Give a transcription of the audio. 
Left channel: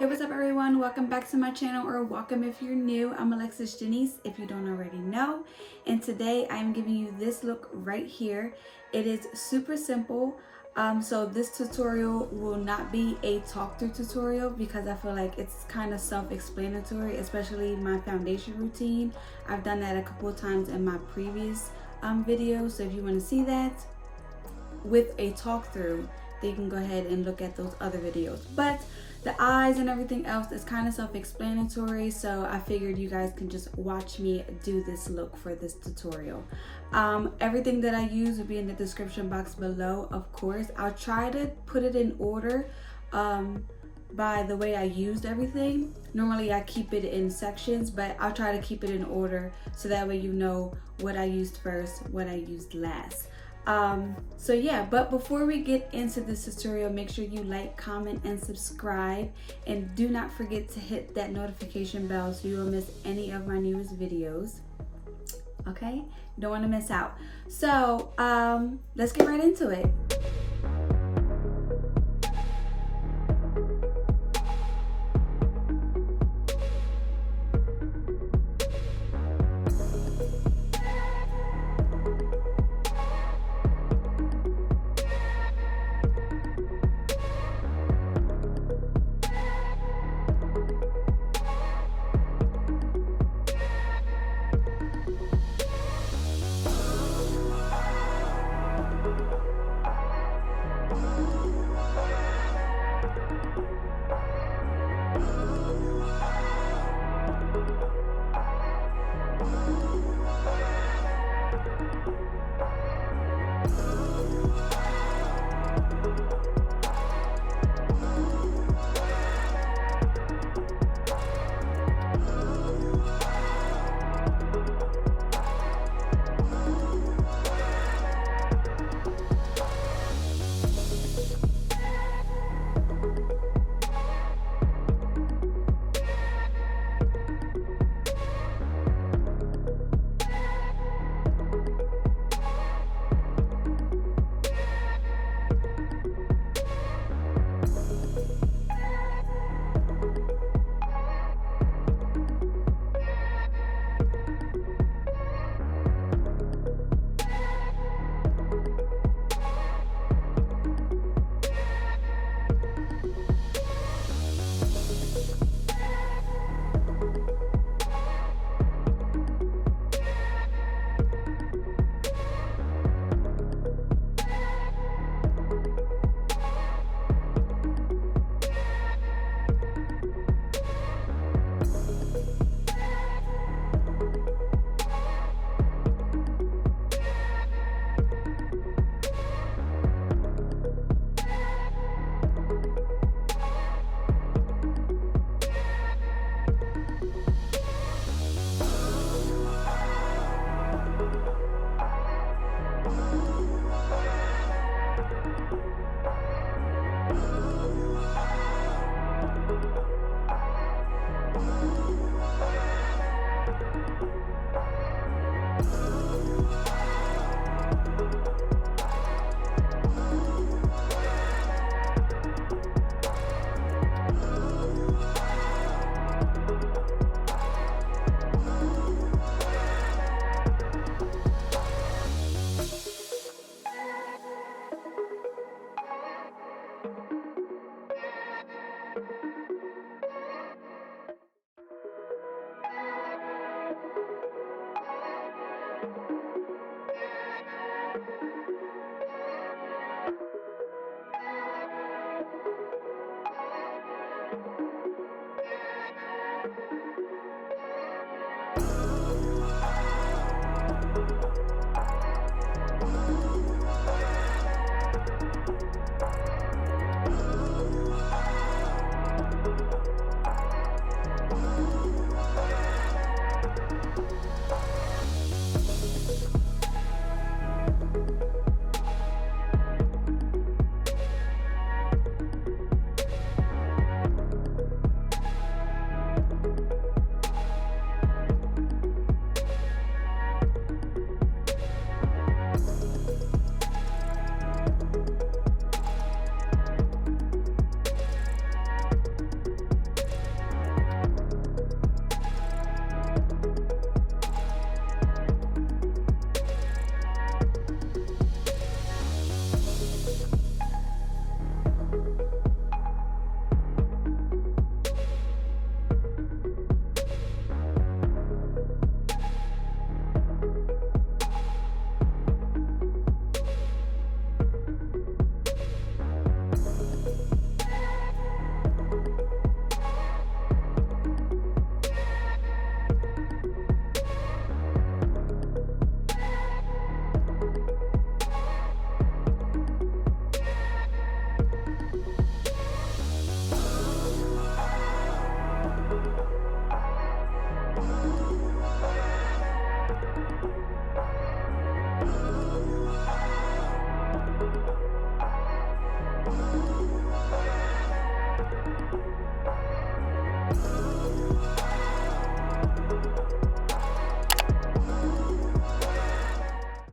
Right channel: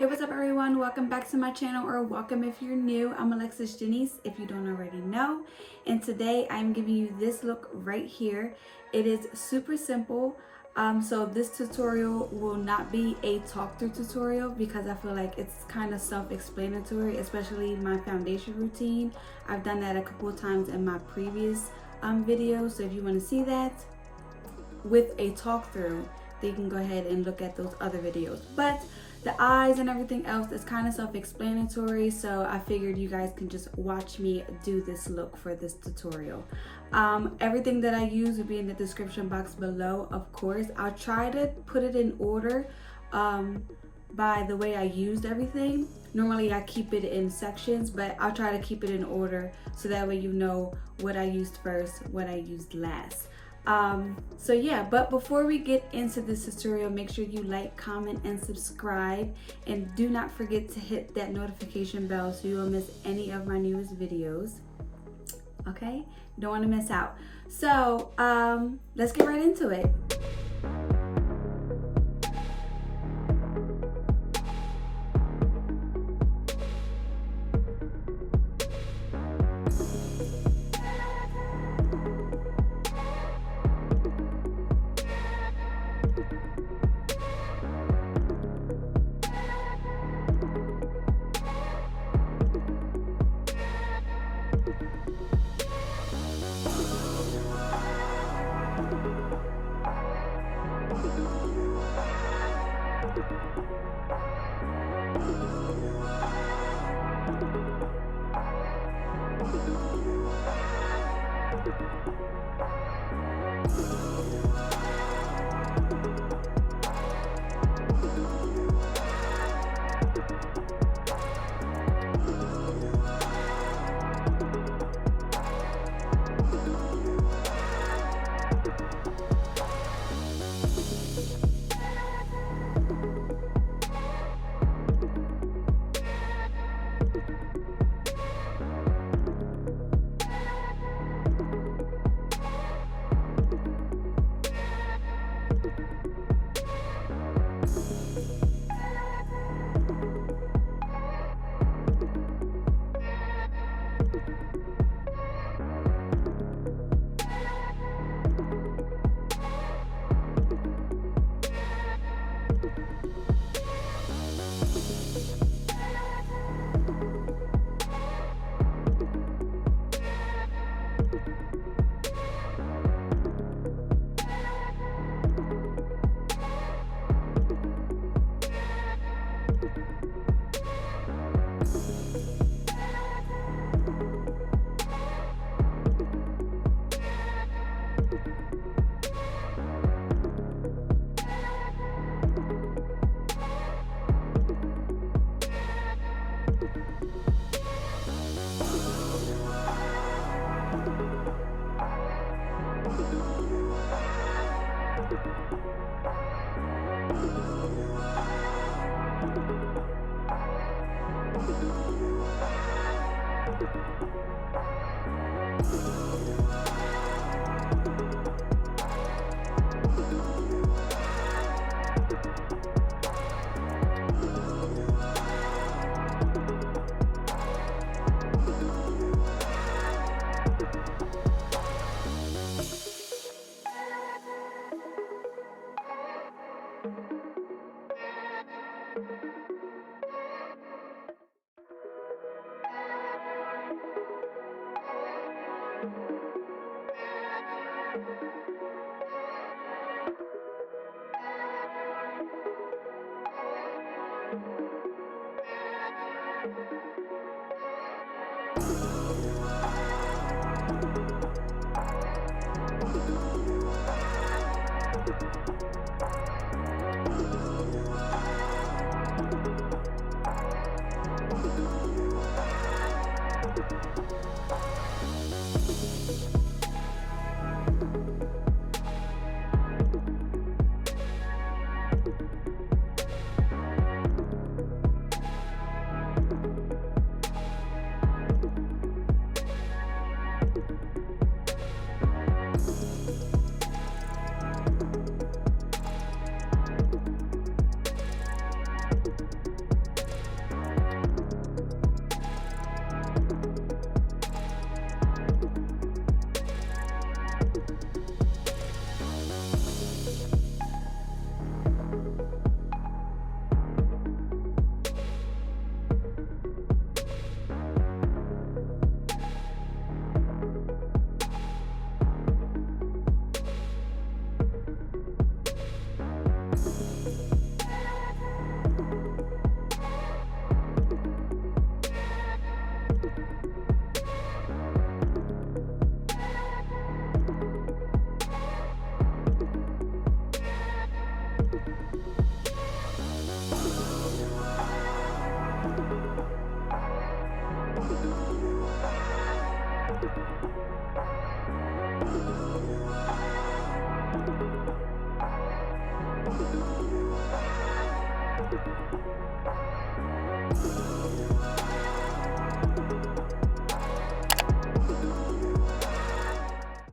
Hey, what's up everyone? Welcome back to my channel, or welcome if you're new. I'm Alexis Janeice, if you don't already know. And today I'm giving you this look right here. It is super simple. So this tutorial will not be a talk through tutorial because I feel like it's kind of self-explanatory, especially my foundation routine. I've done that a couple of times in my previous videos. So if you want to see that with a talk through, then you can go ahead and look at those other videos. But the eyes and everything else is kind of self-explanatory, so I figured you guys can just watch me do this look for this tutorial. Everything that I use will be in the description box below, of course. I'll try to put it in order by the way I used everything. Normally I keep it in sections, but I'll try to keep it in order so that way you know what I used first, what I used last. So yeah, but before we get into this tutorial, make sure you like, comment, and subscribe, and do not forget to hit that notification bell so you won't miss any of my newest videos. Okay, you don't want to miss out. So let's get right into it.